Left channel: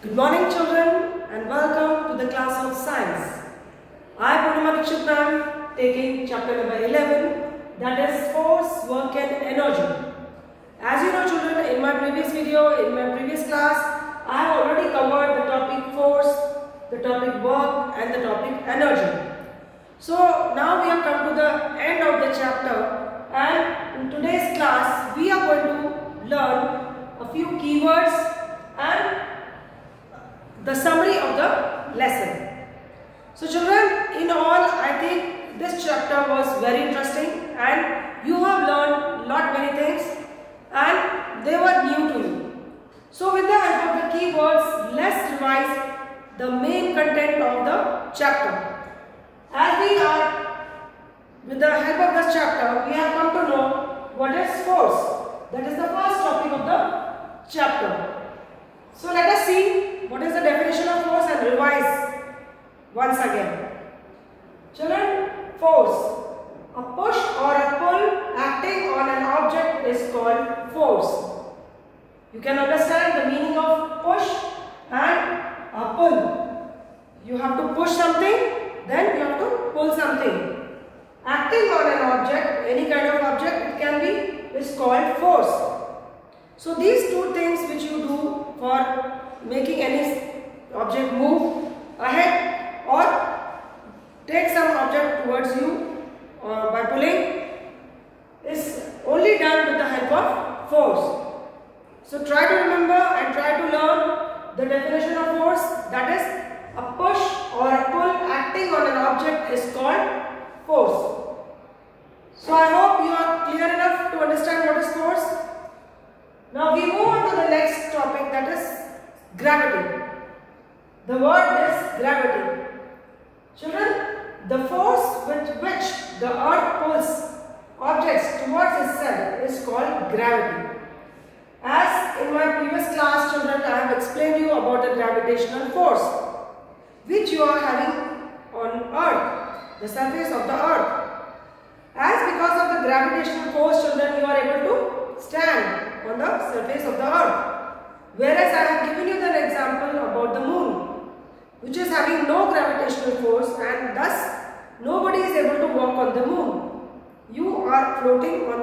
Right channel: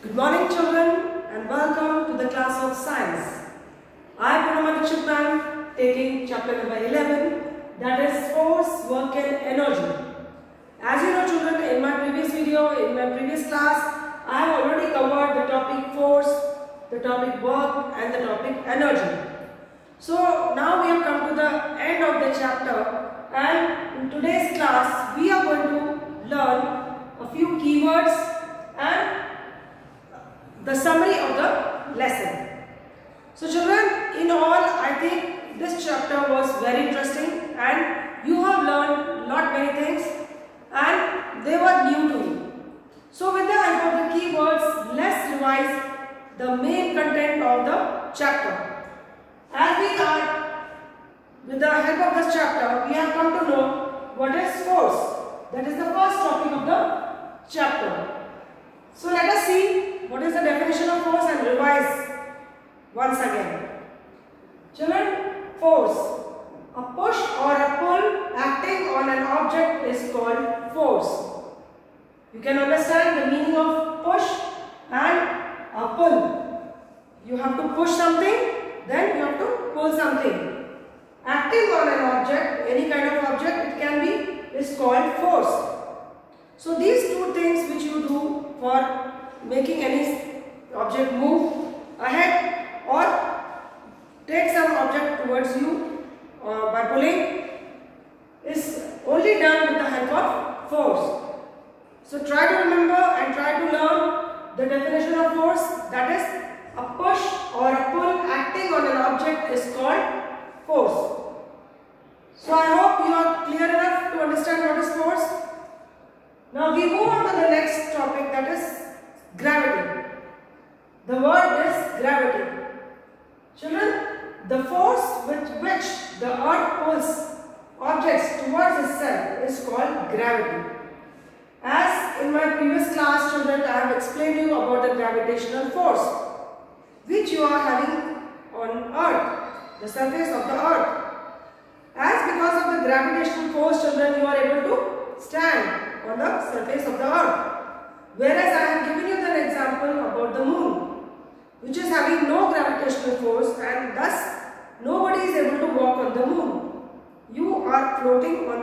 Good morning children and welcome to the class of science. I am Purnima Dikshit taking chapter number 11, that is force, work and energy. As you know children, in my previous video, in my previous class, I have already covered the topic force, the topic work and the topic energy. So now we have come to the end of the chapter, and in today's class we are going to learn a few keywords and the summary of the lesson. So children, in all I think this chapter was very interesting and you have learned lot many things and they were new to you. So with the help of the keywords, let's revise the main content of the chapter. As we are, with the help of this chapter, we have come to know what is force. That is the first topic of the chapter. So let us see what is the definition of force and revise once again. Children, force. A push or a pull acting on an object is called force. You can understand the meaning of push and a pull. You have to push something, then you have to pull something. Acting on an object, any kind of object it can be, is called force. So these two things which you do for making any object move ahead or take some object towards you by pulling is only done with the help of force. So try to remember and try to learn the definition of force, that is a push or a pull acting on an object is called force. So I hope you are clear enough to understand what is force. Now we move on to the next topic, that is gravity. The word is gravity. Children, the force with which the earth pulls objects towards itself is called gravity. As in my previous class children, I have explained you about the gravitational force which you are having on earth, the surface of the earth. As because of the gravitational force children, you are able to stand on the surface of the earth. Whereas I have given you an example about the moon, which is having no gravitational force and thus nobody is able to walk on the moon. You are floating on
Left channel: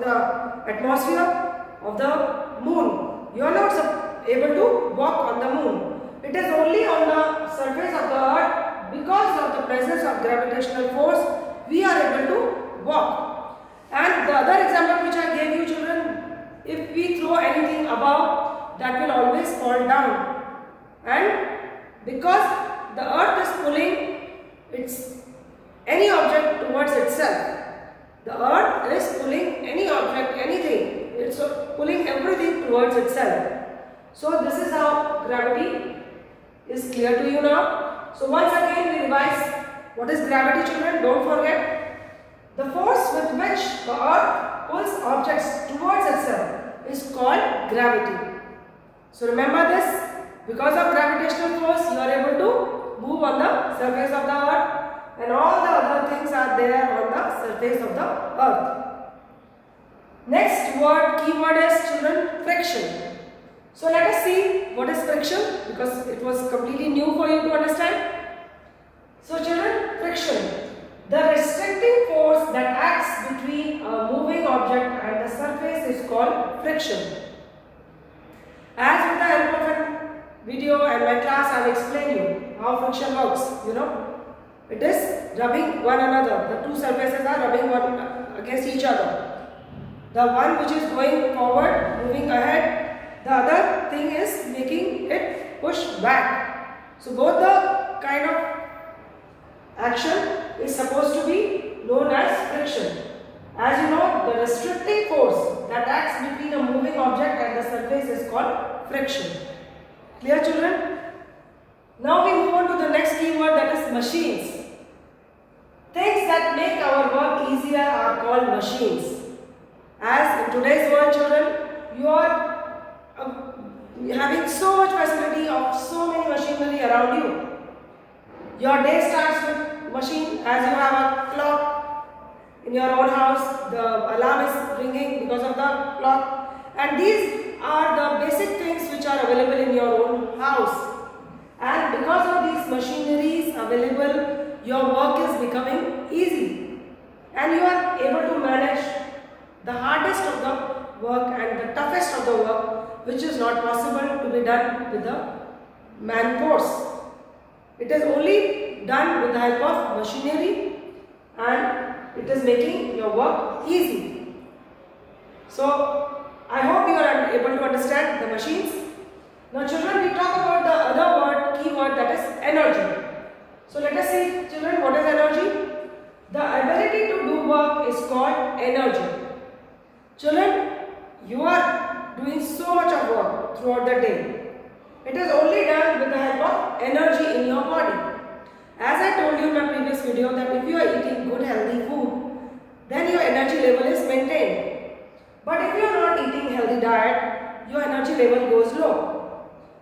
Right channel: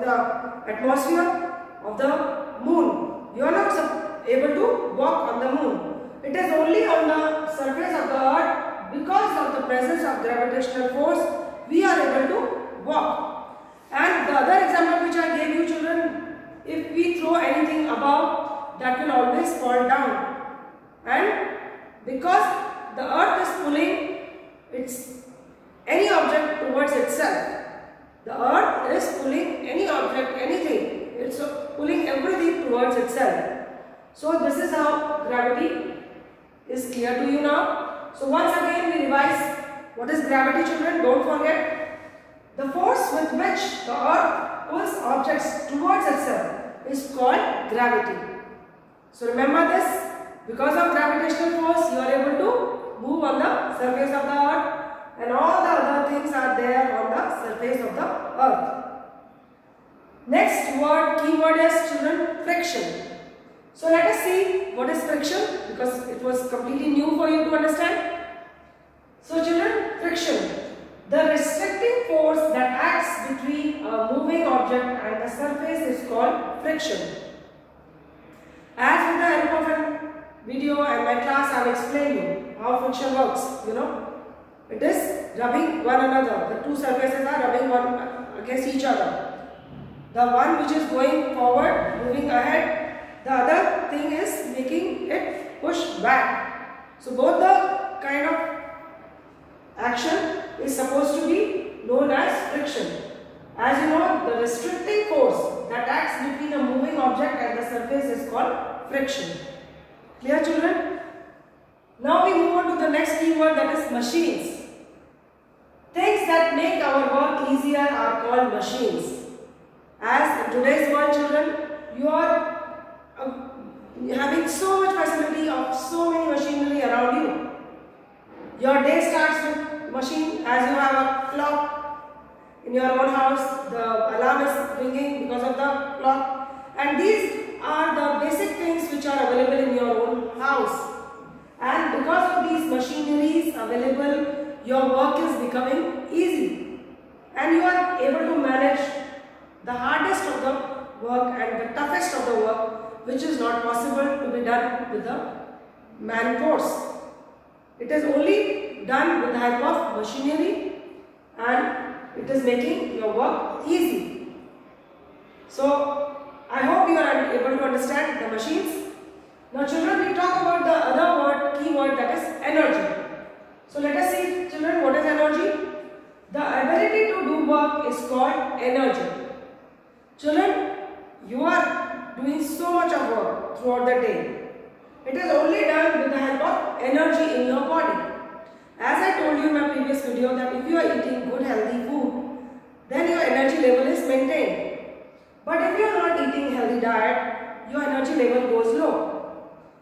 the atmosphere of the moon. You are not able to walk on the moon. It is only on the surface of the earth, because of the presence of gravitational force, we are able to walk. And the other example which I gave you children, if we throw anything above, that will always fall down. And because the earth is pulling any object towards itself. The earth is pulling any object, anything. It's pulling everything towards itself. So this is how gravity is clear to you now. So once again we revise what is gravity children. Don't forget. The force with which the earth pulls objects towards itself is called gravity. So remember this. Because of gravitational force, you are able to move on the surface of the earth and all the other things are there on the surface of the earth. Next keyword is children, friction. So let us see what is friction, because it was completely new for you to understand. So children, friction. The restricting force that acts between a moving object and the surface is called friction. As with the help of a video and my class, I will explain you how friction works. It is rubbing one another. The two surfaces are rubbing one against each other. The one which is going forward, moving ahead, the other thing is making it push back. So both the kind of action is supposed to be known as friction. As you know, the restricting force that acts between a moving object and the surface is called friction. Clear children? Now we move on to the next keyword, that is machines. Things that make our work easier are called machines. As in today's world children, you are having so much facility of so many machinery around you. Your day starts with machine. As you have a clock in your own house, the alarm is ringing because of the clock, and these are the basic things which are available in your own house. house. And because of these machineries available, your work is becoming easy. And you are able to manage the hardest of the work and the toughest of the work, which is not possible to be done with the man force. It is only done with the help of machinery, and it is making your work easy. So, I hope you are able to understand the machines. Now children, we talk about the other key word, that is energy. So let us see, children, what is energy? The ability to do work is called energy. Children, you are doing so much of work throughout the day. It is only done with the help of energy in your body. As I told you in my previous video that if you are eating good healthy food, then your energy level is maintained. But if you are not eating healthy diet, your energy level goes low.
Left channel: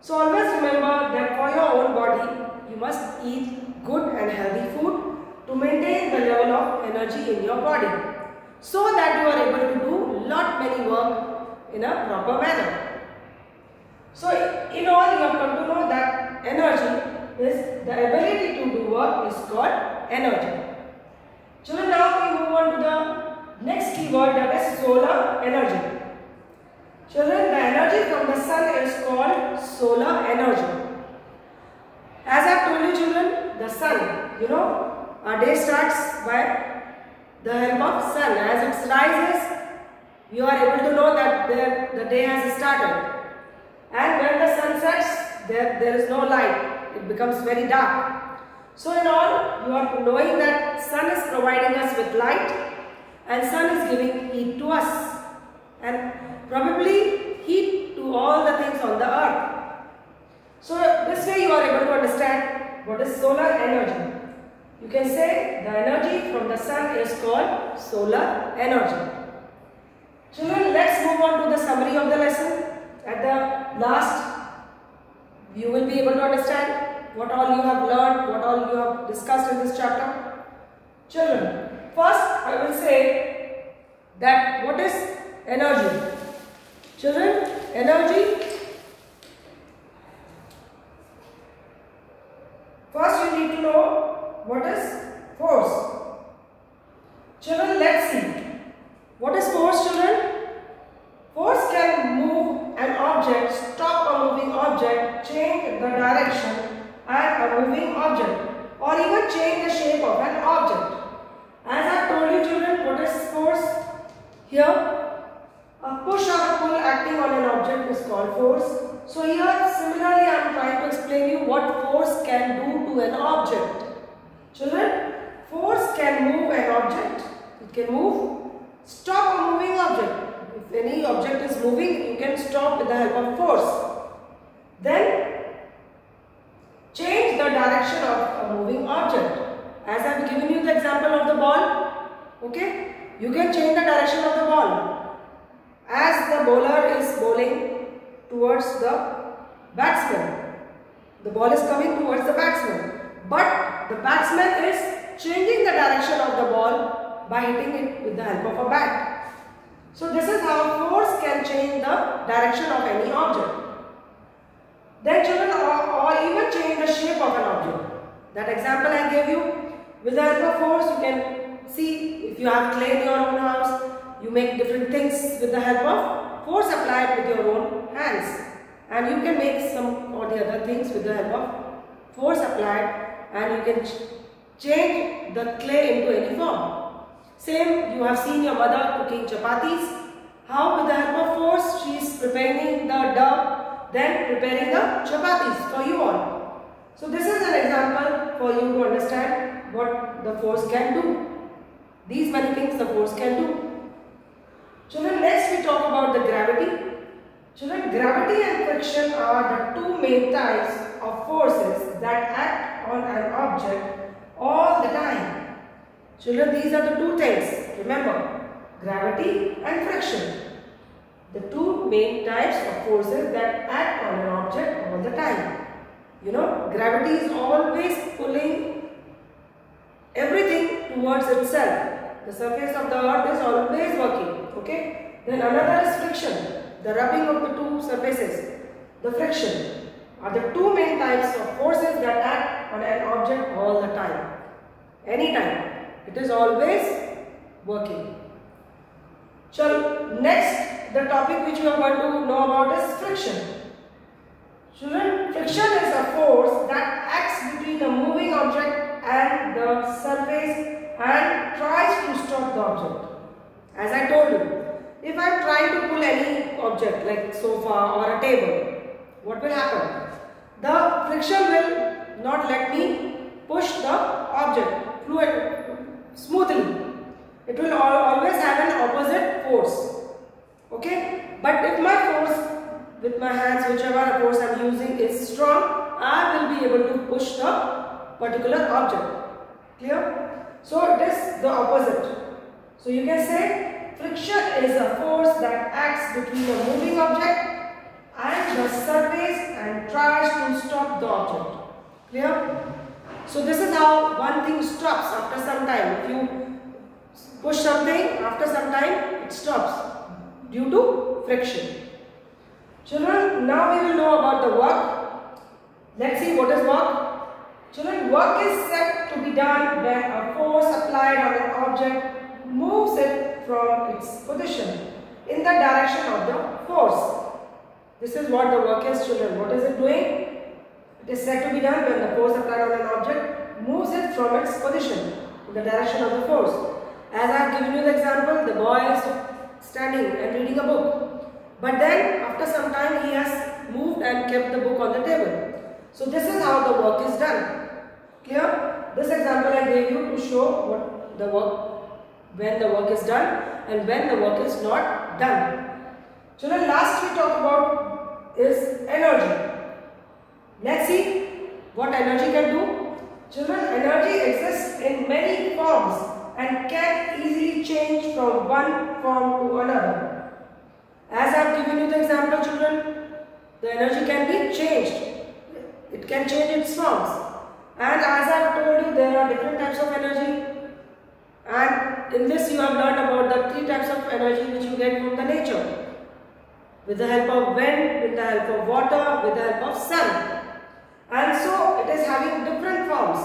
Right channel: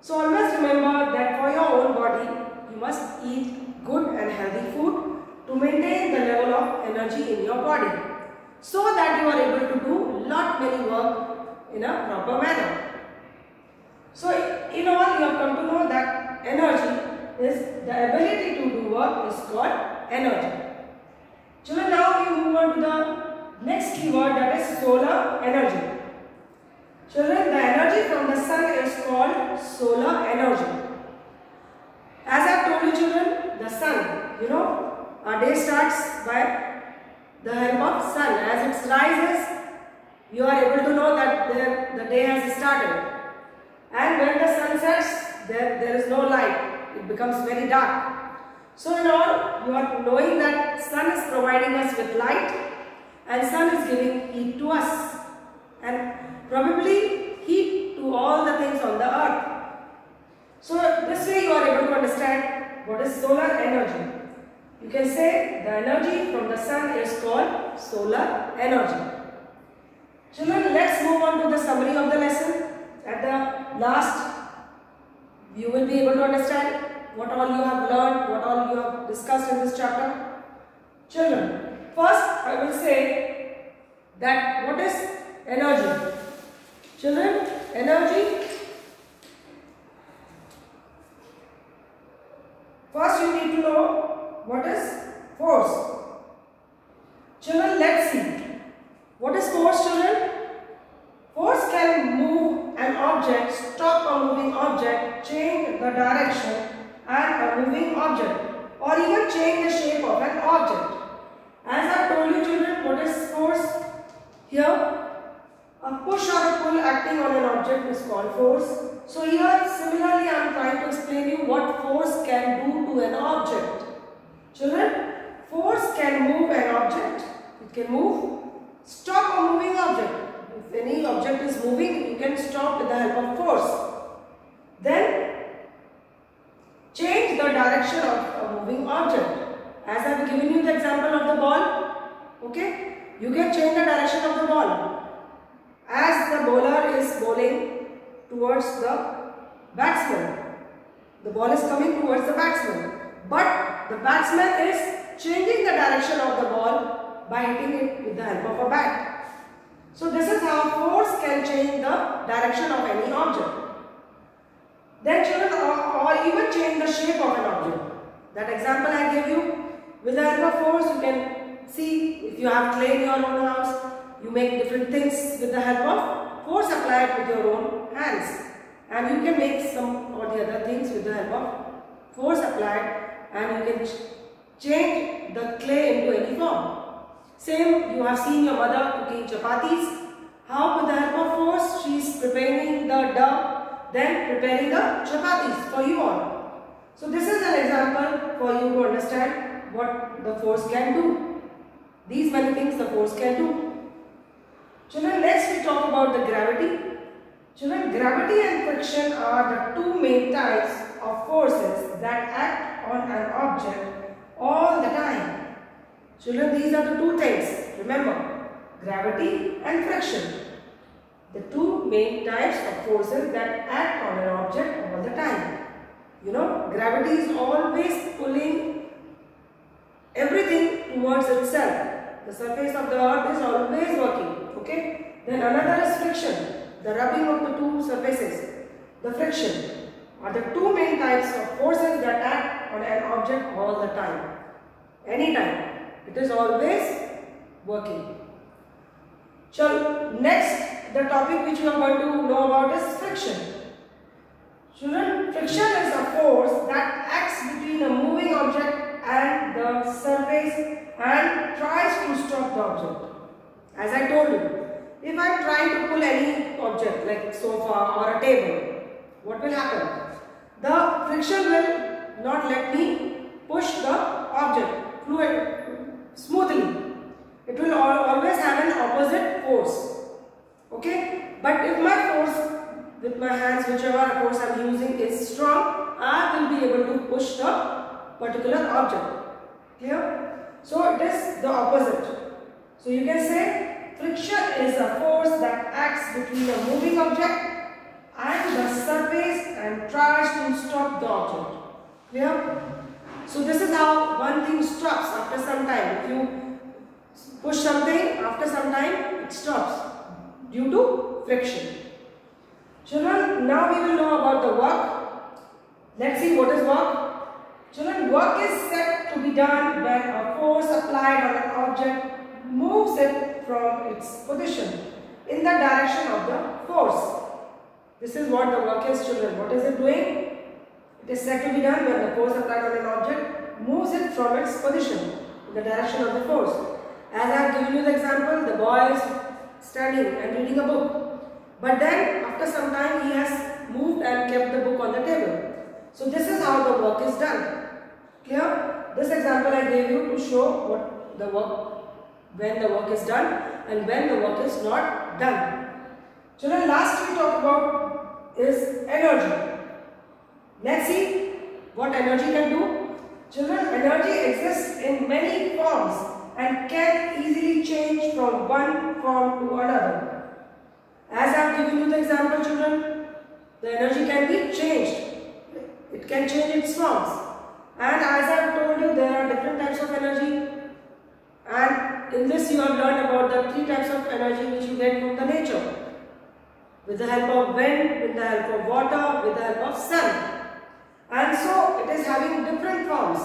So always remember that for your own body, you must eat good and healthy food to maintain the level of energy in your body, so that you are able to do lot many work in a proper manner. So in all, you have come to know that energy is the ability to do work is called energy. Children, now we move on to the next keyword, that is solar energy. Children, the energy from the sun is called solar energy. As I told you children, the sun, our day starts by the help of sun. As it rises, you are able to know that the day has started. And when the sun sets, there is no light. It becomes very dark. So in all, you are knowing that sun is providing us with light, and sun is giving heat to us, and probably heat to all the things on the earth. So this way you are able to understand what is solar energy. You can say the energy from the sun is called solar energy. Children, let's move on to the summary of the lesson. At the last, you will be able to understand what all you have learned, what all you have discussed in this chapter. Children, first I will say that what is energy? Children, energy, first you need to know what is force. Children, let's see. What is force, children? Force can move an object, stop a moving object, change the direction and a moving object, or even change the shape of an object. As I told you children, what is force? Here, a push or a pull acting on an object is called force. So here, similarly, I am trying to explain you what force can do to an object. Children, force can move an object. It can move, stop a moving object. If any object is moving, you can stop with the help of force. Then, change the direction of a moving object. As I have given you the example of the ball, okay, you can change the direction of the ball. As the bowler is bowling towards the batsman, the ball is coming towards the batsman, but the batsman is changing the direction of the ball by hitting it with the help of a bat. So this is how force can change the direction of any object. Then children, or even change the shape of an object. That example I gave you, with the help of force you can see, if you have clay in your own house, you make different things with the help of force applied with your own hands. And you can make some or the other things with the help of force applied, and you can change the clay into any form. Same, you have seen your mother cooking chapatis. How with the help of force she is preparing the dough, then preparing the chapatis for you all. So this is an example for you to understand what the force can do. These many things the force can do. Children, next we talk about the gravity. Children, gravity and friction are the two main types of forces that act on an object all the time. Children, these are the two things. Remember, gravity and friction. The two main types of forces that act on an object all the time. Gravity is always pulling everything towards itself. The surface of the earth is always working. Okay. Then another is friction. The rubbing of the two surfaces. The friction. are the two main types of forces that act on an object all the time. Anytime. It is always working. So next, the topic which you are going to know about is friction. Children, friction is a force that acts between a moving object and the surface and tries to stop the object. As I told you, if I am trying to pull any object like sofa or a table, what will happen? The friction will not let me push the object smoothly. It will always have an opposite force. Okay? But if my force with my hands, whichever force I am using is strong, I will be able to push the particular object. Clear? So it is the opposite. So you can say friction is a force that acts between a moving object and the surface and tries to stop the object. Clear? So this is how one thing stops after some time. If you push something, after some time it stops due to friction. Children, now we will know about the work. Let's see what is work. Children, work is said to be done when a force applied on an object moves it from its position in the direction of the force. This is what the work is, children. What is it doing? It is said to be done when the force applied on an object moves it from its position in the direction of the force. As I have given you the example, the boy is standing and reading a book. But then after some time he has moved and kept the book on the table. So this is how the work is done. Clear? This example I gave you to show what the work, when the work is done and when the work is not done. Children, last we talk about is energy. Let's see what energy can do. Children, energy exists in many forms and can easily change from one form to another. As I have given you the example, children, the energy can be changed. It can change its forms. And as I have told you, there are different types of energy. And in this you have learned about the three types of energy which you get from the nature. With the help of wind, with the help of water, with the help of sun. And so it is having different forms.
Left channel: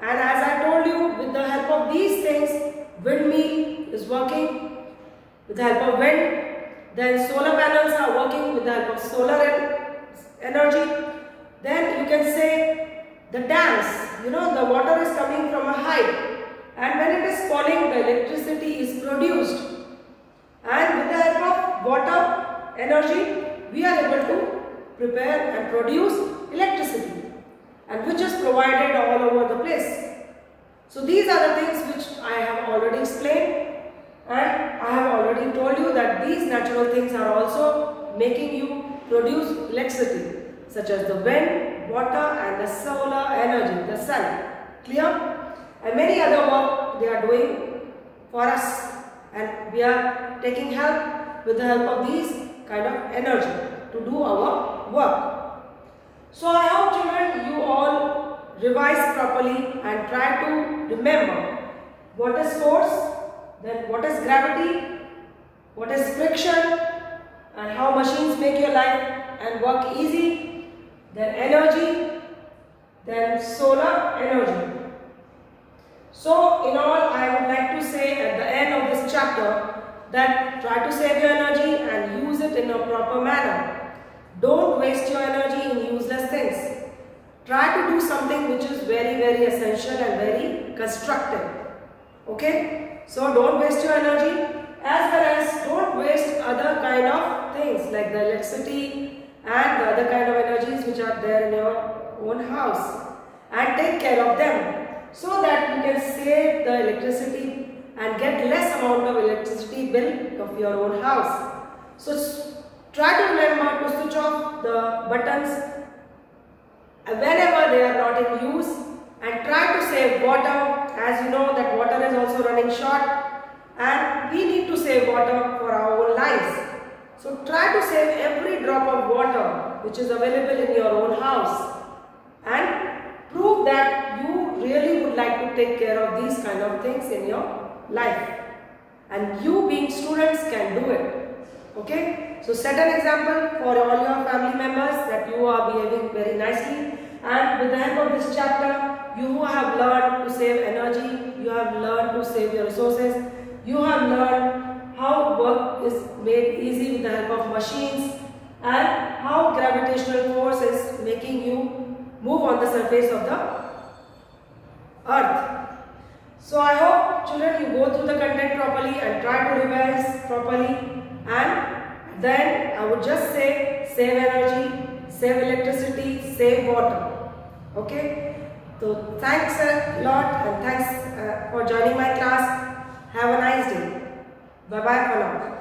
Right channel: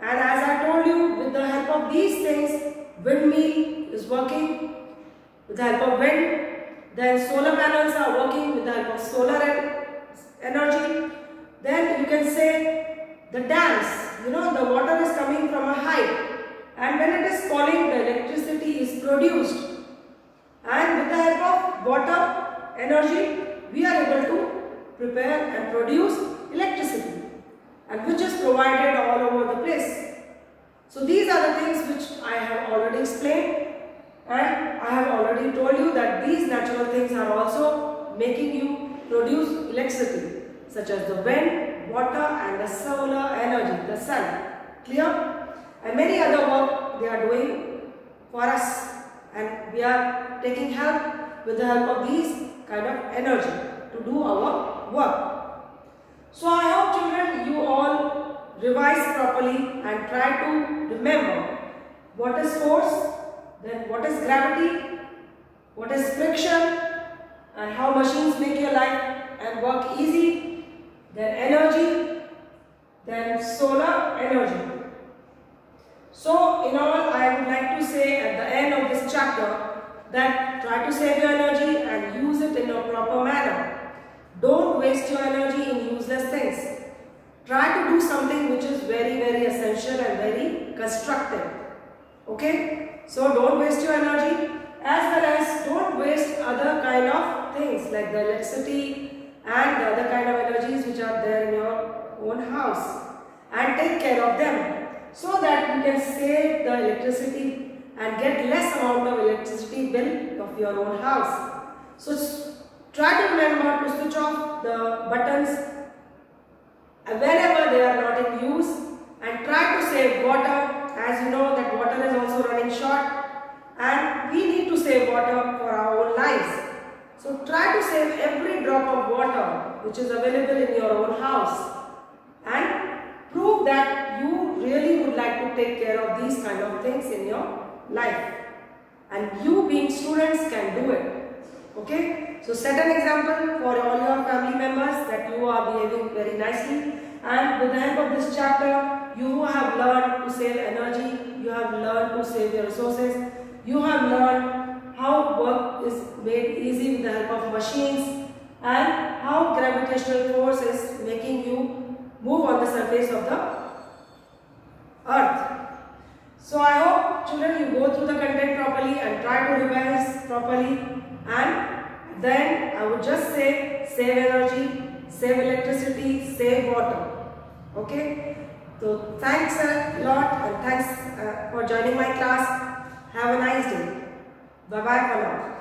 And as I told you, with the help of these things, windmill is working with the help of wind. Then solar panels are working with the help of solar energy. Then you can say the dams, the water is coming from a height and when it is falling, the electricity is produced. And with the help of water energy, we are able to prepare and produce electricity, and which is provided all over the place. So these are the things which I have already explained. And I have already told you that these natural things are also making you produce electricity, such as the wind, water and the solar energy, the sun. Clear? And many other work they are doing for us, and we are taking help with the help of these kind of energy to do our work. So I hope, children, you all revise properly and try to remember what is force, then what is gravity, what is friction, and how machines make your life and work easy, then energy, then solar energy. So in all, I would like to say at the end of this chapter that try to save your energy and use it in a proper manner. Don't waste your energy in useless things. Try to do something which is very, very essential and very constructive. Okay? So don't waste your energy, as well as don't waste other kind of things like the electricity and the other kind of energies which are there in your own house, and take care of them so that you can save the electricity and get less amount of electricity bill of your own house. So try to remember to switch off the buttons whenever they are not in use, and try to save water. As you know that water is also running short and we need to save water for our own lives. So try to save every drop of water which is available in your own house, and prove that you really would like to take care of these kind of things in your life. And you being students can do it. Okay? So set an example for all your family members that you are behaving very nicely, and with the help of this chapter, you have learned to save energy, you have learned to save your resources, you have learned how work is made easy with the help of machines, and how gravitational force is making you move on the surface of the earth. So I hope children you go through the content properly and try to revise properly, and then I would just say save energy, save electricity, save water. Okay? So thanks a lot, and thanks for joining my class. Have a nice day. Bye bye for now.